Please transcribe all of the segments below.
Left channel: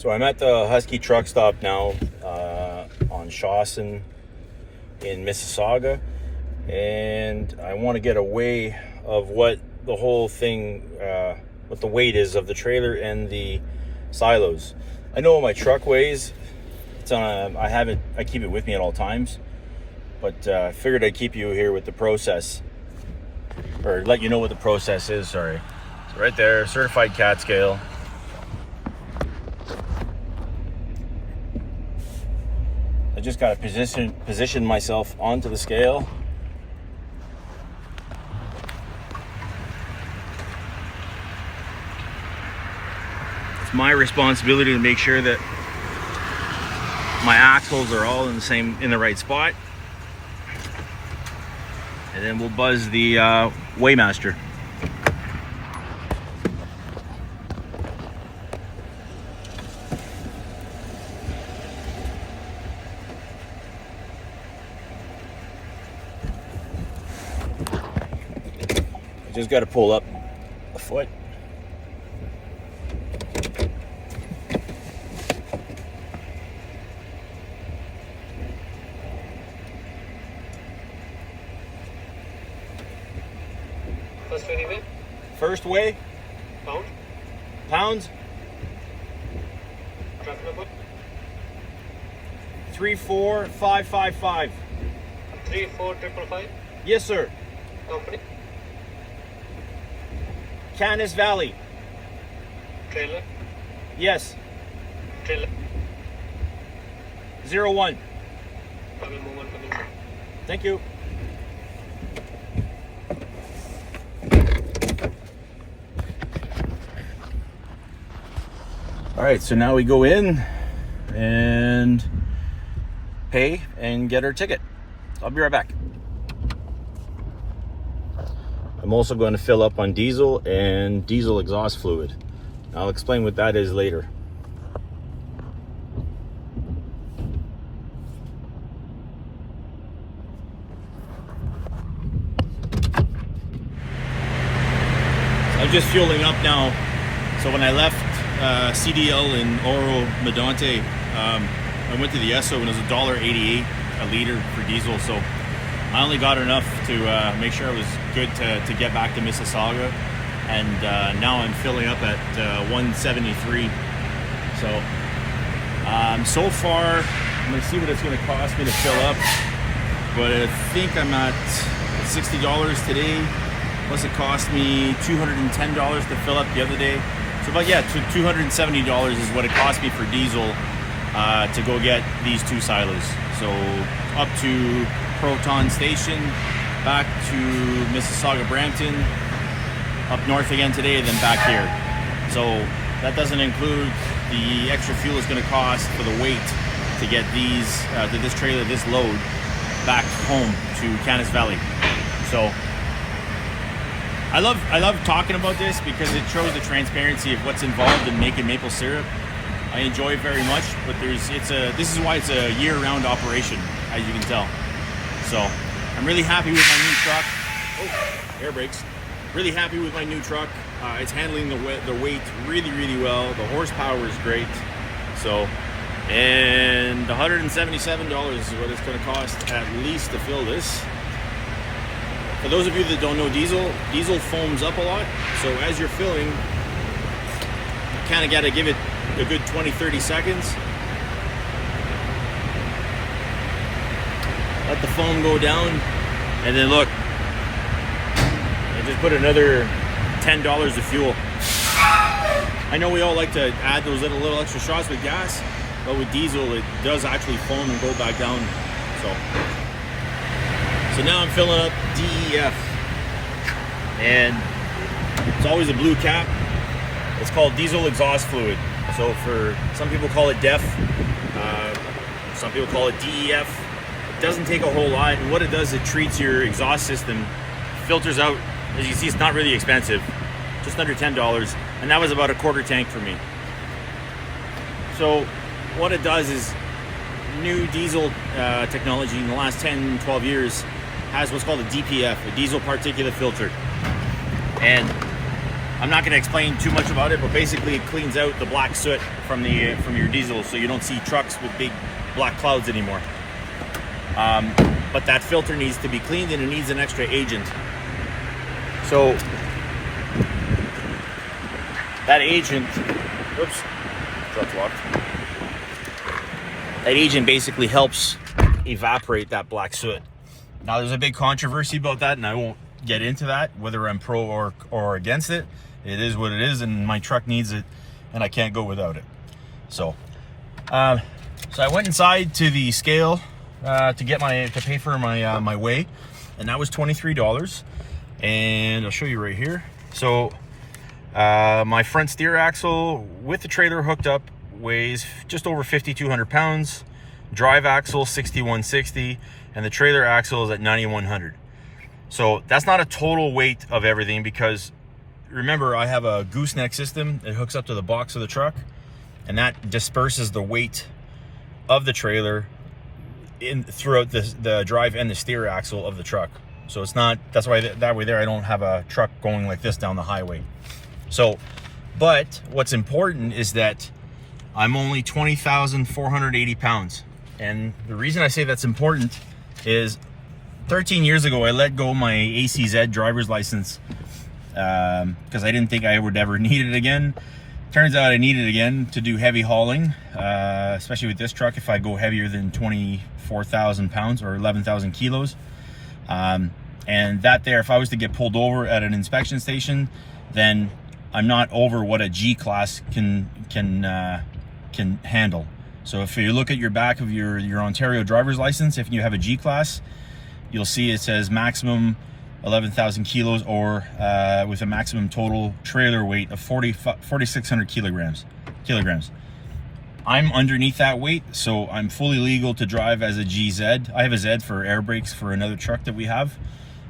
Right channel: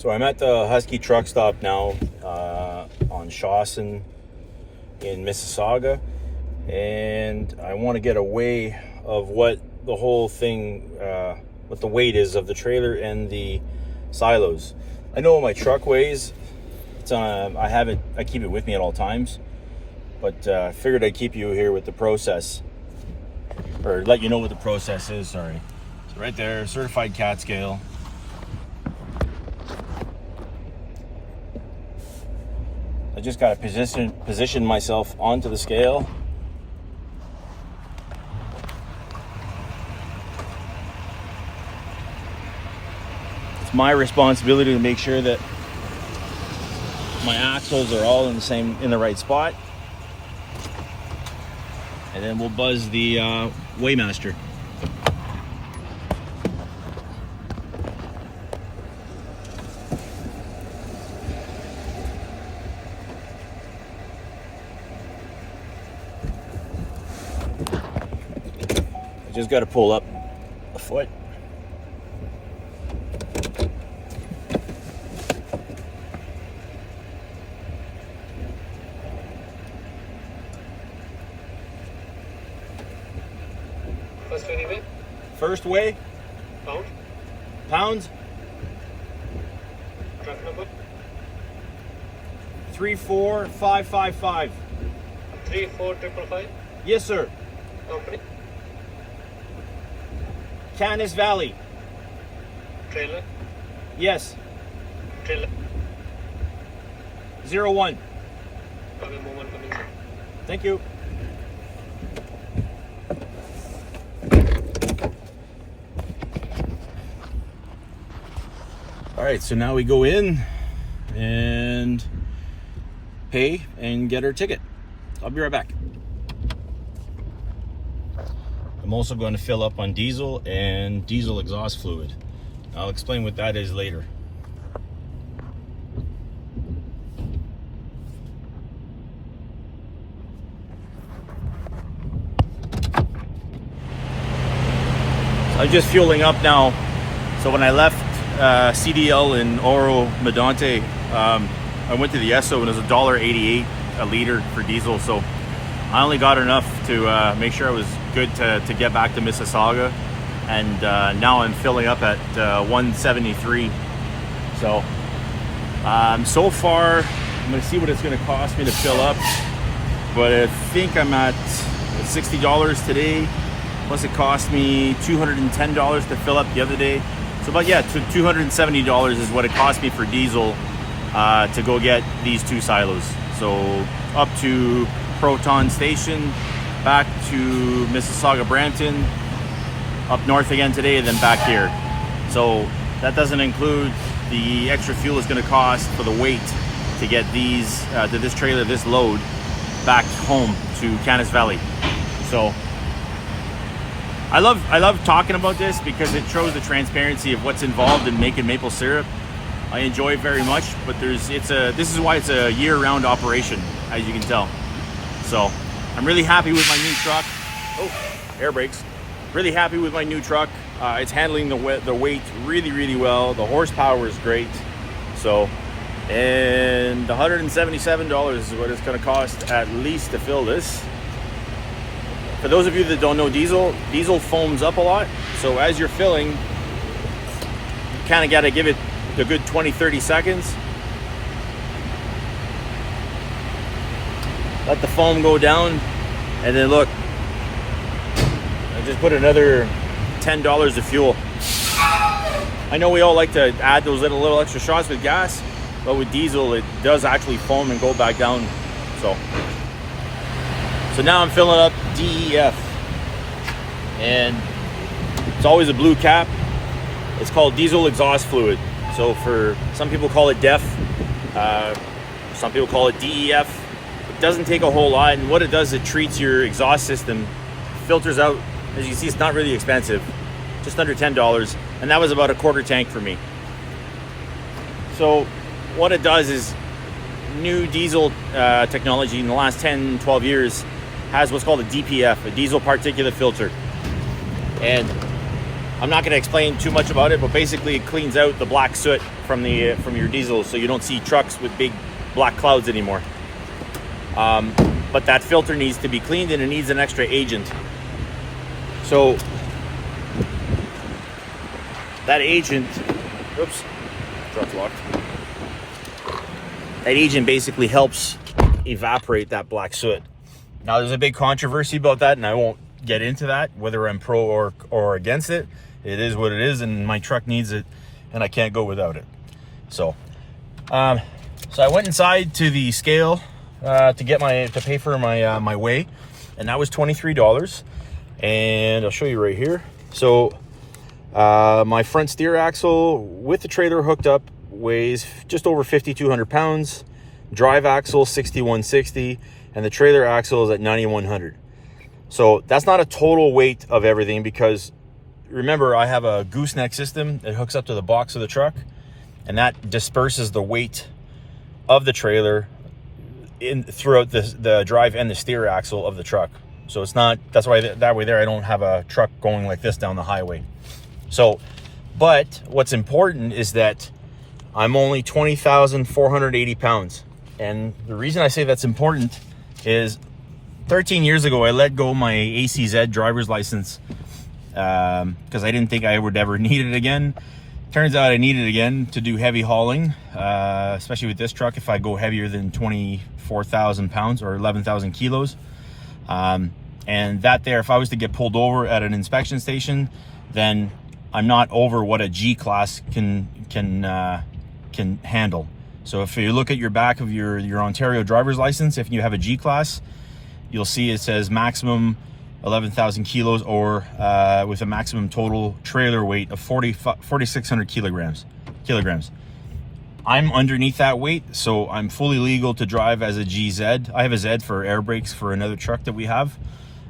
So I'm at the Husky truck stop now on Shawson in Mississauga, and I want to get away of what the whole thing, what the weight is of the trailer and the silos. I know what my truck weighs. It's on I keep it with me at all times, but I figured I'd keep you here with the process, or let you know what the process is. Sorry. So right there, certified cat scale. I just got to position myself onto the scale. It's my responsibility to make sure that my axles are all in the right spot. And then we'll buzz the Weighmaster. Just got to pull up a foot. First weigh? First weigh? Pounds? Truck number? 34555. 34555? Yes, sir. Company? Canis Valley. Trailer? Yes. Trailer? 01. I will move on coming, sir. Thank you. All right, so now we go in and pay and get our ticket. I'll be right back. I'm also going to fill up on diesel and diesel exhaust fluid. I'll explain what that is later. I'm just fueling up now. So when I left CDL in Oro Medonte, I went to the Esso and it was $1.88 a liter for diesel. So I only got enough to make sure I was good to get back to Mississauga, and now I'm filling up at 173. So so far I'm gonna see what it's gonna cost me to fill up, but I think I'm at $60 today, plus it cost me $210 to fill up the other day. So about $270 is what it cost me for diesel to go get these two silos. So up to Proton Station, back to Mississauga Brampton, up north again today, and then back here. So that doesn't include the extra fuel it's going to cost for the weight to get these to this trailer, this load, back home to Canis Valley. So I love talking about this because it shows the transparency of what's involved in making maple syrup. I enjoy it very much, but this is why it's a year-round operation, as you can tell. So I'm really happy with my new truck. Oh, air brakes. Really happy with my new truck. It's handling the weight really, really well. The horsepower is great. So, and $177 is what it's going to cost at least to fill this. For those of you that don't know diesel foams up a lot. So as you're filling, you kind of got to give it a good 20-30 seconds. Let the foam go down, and then look, I just put another $10 of fuel. I know we all like to add those little extra shots with gas, but with diesel it does actually foam and go back down. So now I'm filling up DEF, and it's always a blue cap. It's called diesel exhaust fluid. So for some people call it DEF, some people call it DEF. It doesn't take a whole lot, and what it does, it treats your exhaust system, filters out. As you can see, it's not really expensive, just under $10, and that was about a quarter tank for me. So what it does is, new diesel technology in the last 10-12 years has what's called a DPF, a diesel particulate filter. And I'm not going to explain too much about it, but basically it cleans out the black soot from your diesel, so you don't see trucks with big black clouds anymore. But that filter needs to be cleaned, and it needs an extra agent. So that agent, oops, truck's locked. That agent basically helps evaporate that black soot. Now there's a big controversy about that, and I won't get into that, whether I'm pro or against it. It is what it is, and my truck needs it, and I can't go without it. So I went inside to the scale to pay for my weigh, and that was $23. And I'll show you right here. So my front steer axle with the trailer hooked up weighs just over 5,200 pounds. Drive axle 6,160, and the trailer axle is at 9,100. So that's not a total weight of everything, because remember, I have a gooseneck system that hooks up to the box of the truck, and that disperses the weight of the trailer throughout the drive and the steer axle of the truck. So it's not, that's why that way there I don't have a truck going like this down the highway. So, but what's important is that I'm only 20,480 pounds. And the reason I say that's important is 13 years ago, I let go my ACZ driver's license because I didn't think I would ever need it again. Turns out I need it again to do heavy hauling, especially with this truck if I go heavier than 24,000 pounds or 11,000 kilos. And that there, if I was to get pulled over at an inspection station, then I'm not over what a G-class can handle. So if you look at your back of your Ontario driver's license, if you have a G-class, you'll see it says maximum 11,000 kilos, or with a maximum total trailer weight of 4,600 kilograms. I'm underneath that weight, so I'm fully legal to drive as a GZ. I have a Z for air brakes for another truck that we have.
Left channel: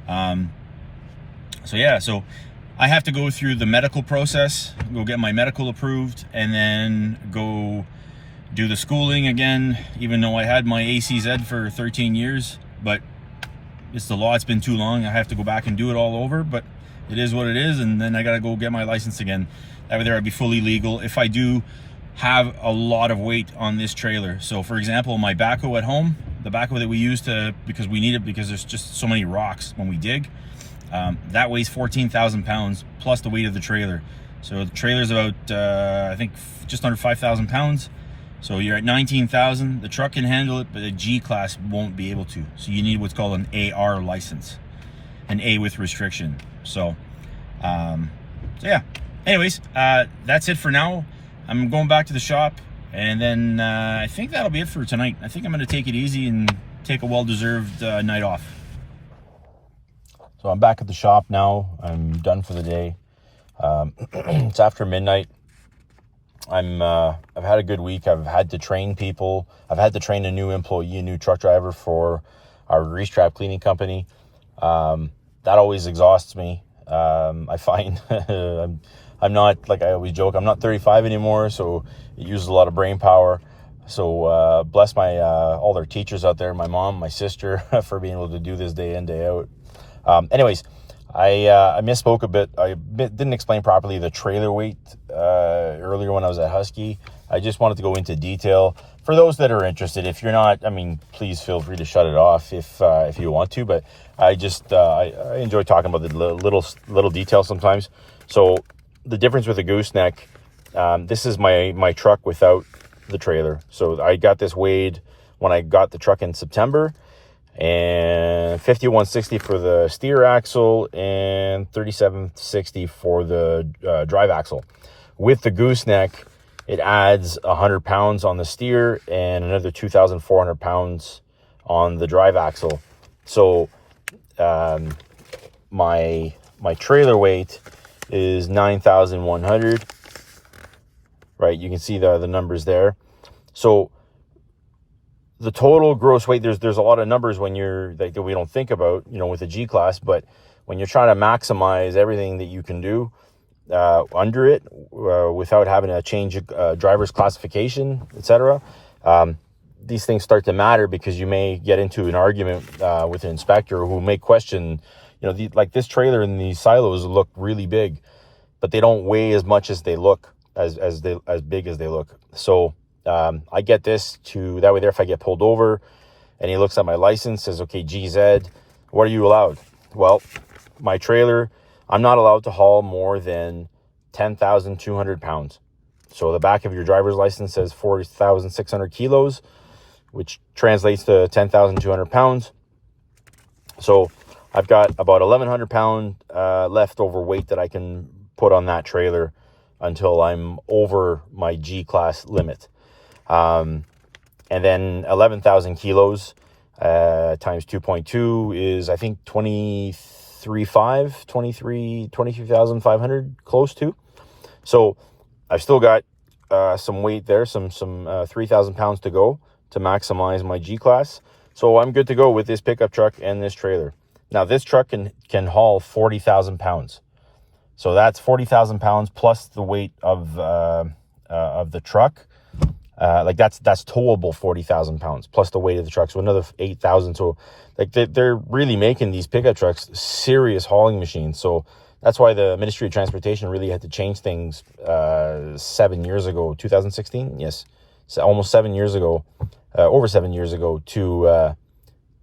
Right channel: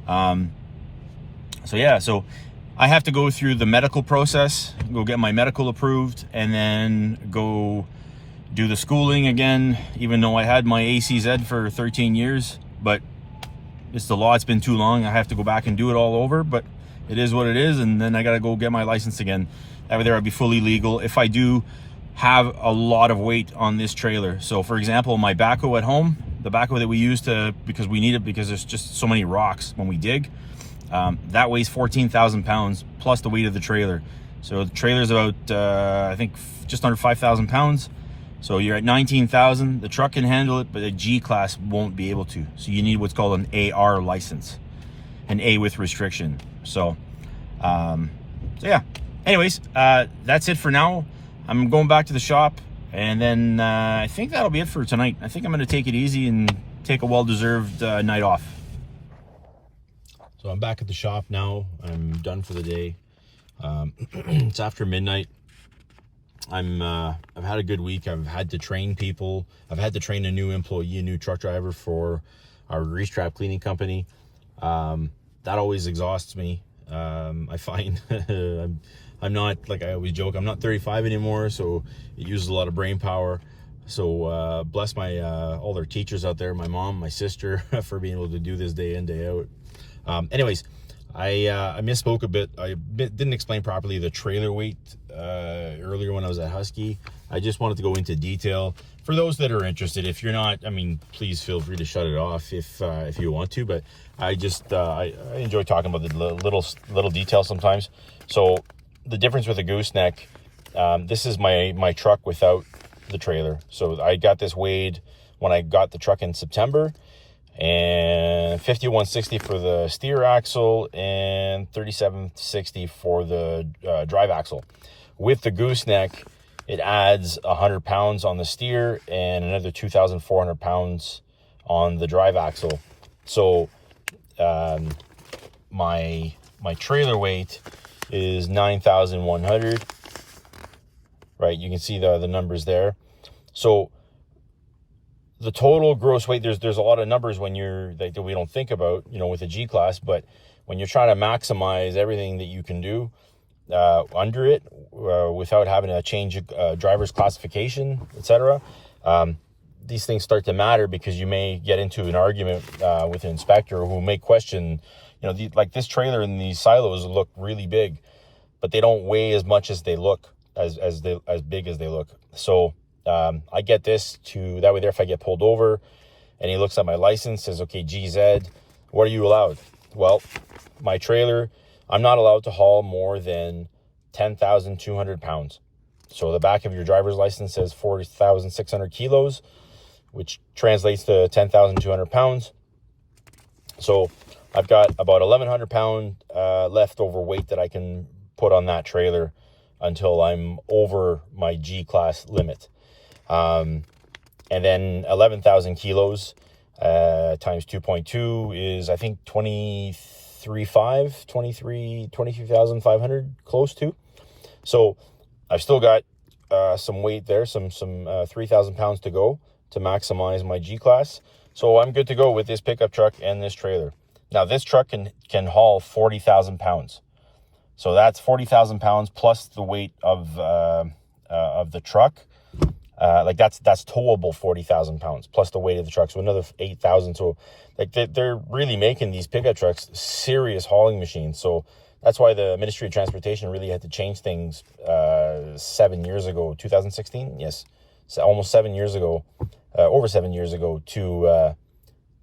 So yeah, so I have to go through the medical process, go get my medical approved, and then go do the schooling again, even though I had my ACZ for 13 years, but it's the law. It's been too long. I have to go back and do it all over, but it is what it is. And then I got to go get my license again. That way there I'd be fully legal if I do have a lot of weight on this trailer. So for example, my backhoe at home, the backhoe that we use because we need it because there's just so many rocks when we dig, that weighs 14,000 pounds plus the weight of the trailer. So the trailer's about, I think just under 5,000 pounds. So you're at 19,000. The truck can handle it, but a G-class won't be able to. So you need what's called an AR license, an A with restriction. So yeah. Anyways, that's it for now. I'm going back to the shop, and then I think that'll be it for tonight. I think I'm going to take it easy and take a well-deserved night off. So I'm back at the shop now. I'm done for the day. It's after midnight. I've had a good week. I've had to train people. I've had to train a new employee, a new truck driver for our grease trap cleaning company. That always exhausts me. I find I'm not, like I always joke, I'm not 35 anymore, so it uses a lot of brain power. So bless my all their teachers out there, my mom, my sister, for being able to do this day in, day out. Anyways, I misspoke a bit. I didn't explain properly the trailer weight earlier when I was at Husky. I just wanted to go into detail for those that are interested. If you're not, I mean, please feel free to shut it off if you want to. But I just I enjoy talking about the little details sometimes. So the difference with a gooseneck, this is my truck without the trailer. So I got this weighed when I got the truck in September, and 5,160 for the steer axle and 3,760 for the drive axle. With the gooseneck, it adds 100 pounds on the steer and another 2,400 pounds on the drive axle. So my trailer weight is 9,100. Right, you can see the numbers there. So the total gross weight, there's a lot of numbers when you're like that we don't think about, with a G-class, but when you're trying to maximize everything that you can do under it without having to change driver's classification, etc., these things start to matter, because you may get into an argument with an inspector who may question, like this trailer and these silos look really big. but they don't weigh as much as they look, as big as they look. So I get this to that way there, if I get pulled over and he looks at my license, says, okay, GZ, what are you allowed? Well, my trailer, I'm not allowed to haul more than 10,200 pounds. So the back of your driver's license says 40,600 kilos, which translates to 10,200 pounds. So I've got about 1,100 pound leftover weight that I can put on that trailer until I'm over my G-class limit. And then 11,000 kilos times 2.2 is, I think, 23,500, close to. So I've still got some weight there, some 3,000 pounds to go to maximize my G-class. So I'm good to go with this pickup truck and this trailer. Now this truck can haul 40,000 pounds. So that's 40,000 pounds plus the weight of the truck. Like that's towable 40,000 pounds plus the weight of the truck. So another 8,000. So like they're really making these pickup trucks serious hauling machines. So that's why the Ministry of Transportation really had to change things 7 years ago, 2016. Yes. So almost 7 years ago, over 7 years ago to,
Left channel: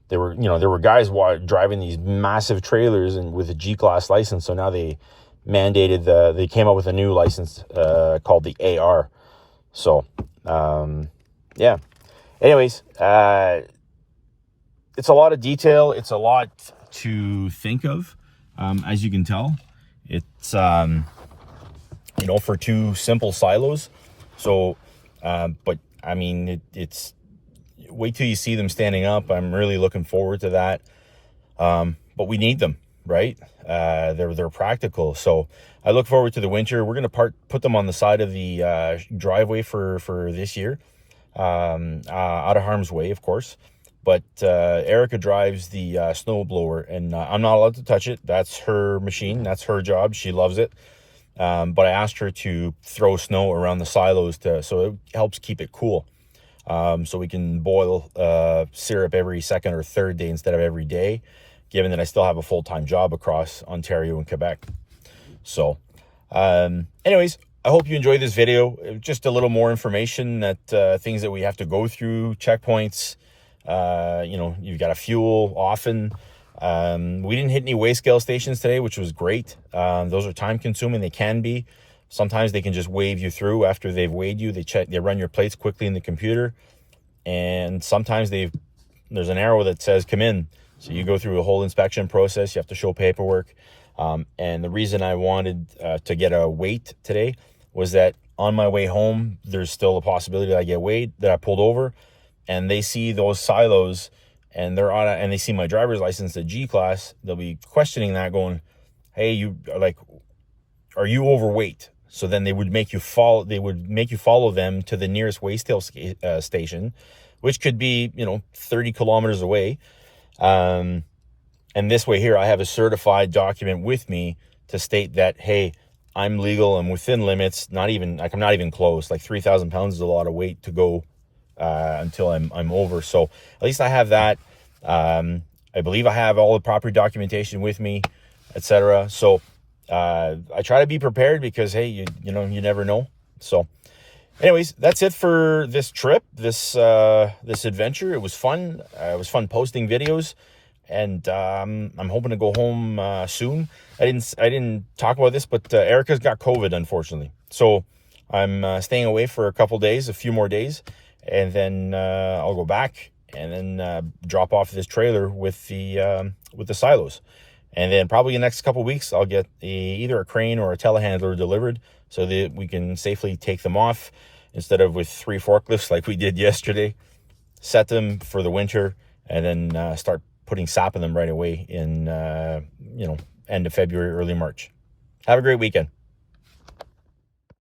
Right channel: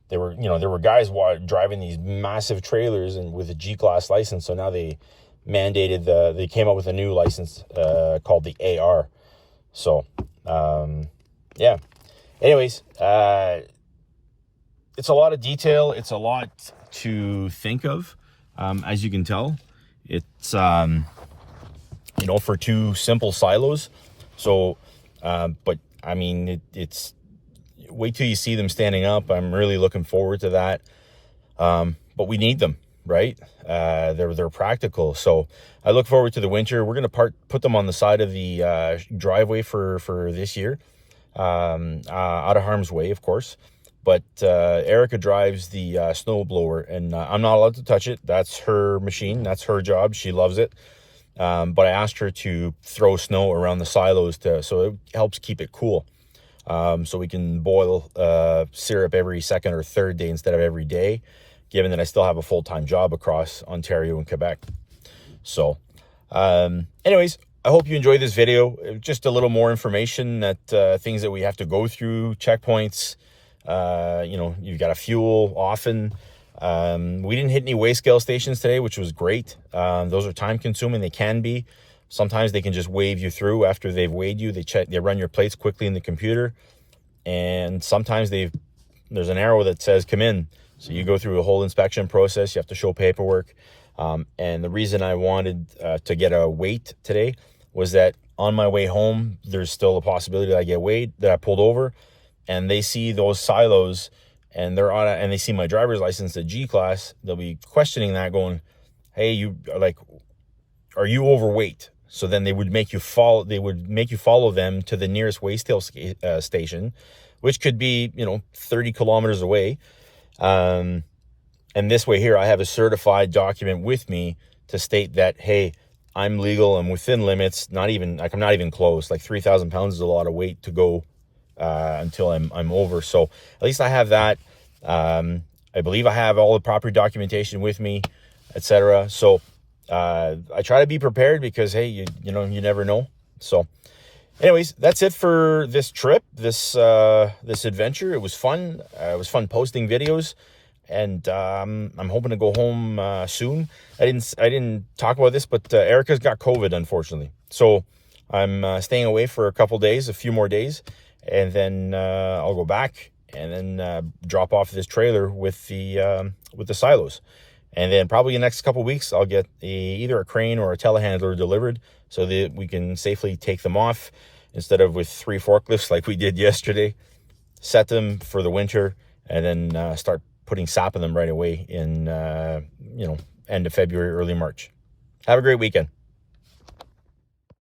there were guys driving these massive trailers and with a G-class license. So now they mandated they came up with a new license called the AR. So yeah, anyways, it's a lot of detail, it's a lot to think of. As you can tell, it's for two simple silos. So but I mean, it's wait till you see them standing up. I'm really looking forward to that. But we need them, right? They're practical. So I look forward to the winter. We're going to put them on the side of the driveway for this year, out of harm's way, of course. But Erica drives the snowblower, and I'm not allowed to touch it. That's her machine. That's her job. She loves it. But I asked her to throw snow around the silos so it helps keep it cool. So we can boil syrup every second or third day instead of every day, given that I still have a full-time job across Ontario and Quebec. So anyways, I hope you enjoyed this video. Just a little more information that things that we have to go through, checkpoints. You've got to fuel often. We didn't hit any weigh scale stations today, which was great. Those are time consuming. They can be. Sometimes they can just wave you through after they've weighed you. They run your plates quickly in the computer. And sometimes there's an arrow that says come in. So you go through a whole inspection process. You have to show paperwork. And the reason I wanted to get a weight today was that on my way home, there's still a possibility that I get weighed, that I pulled over, and they see those silos and they're on it, and they see my driver's license, the G-class. They'll be questioning that, going, hey, are you overweight? So then they would make you follow them to the nearest weigh scale station, which could be 30 kilometers away. And this way here, I have a certified document with me to state that, hey, I'm legal, I'm within limits. I'm not even close. Like 3,000 pounds is a lot of weight to go until I'm over. So at least I have that. I believe I have all the proper documentation with me, etc. So I try to be prepared because, hey, you never know. So anyways, that's it for this trip, this adventure. It was fun. It was fun posting videos. And I'm hoping to go home soon. I didn't talk about this, but Erica's got COVID, unfortunately. So I'm staying away for a few more days, and then I'll go back and then drop off this trailer with the silos. And then probably in the next couple of weeks, I'll get either a crane or a telehandler delivered so that we can safely take them off instead of with 3 forklifts like we did yesterday. Set them for the winter and then start putting sap in them right away in, end of February, early March. Have a great weekend.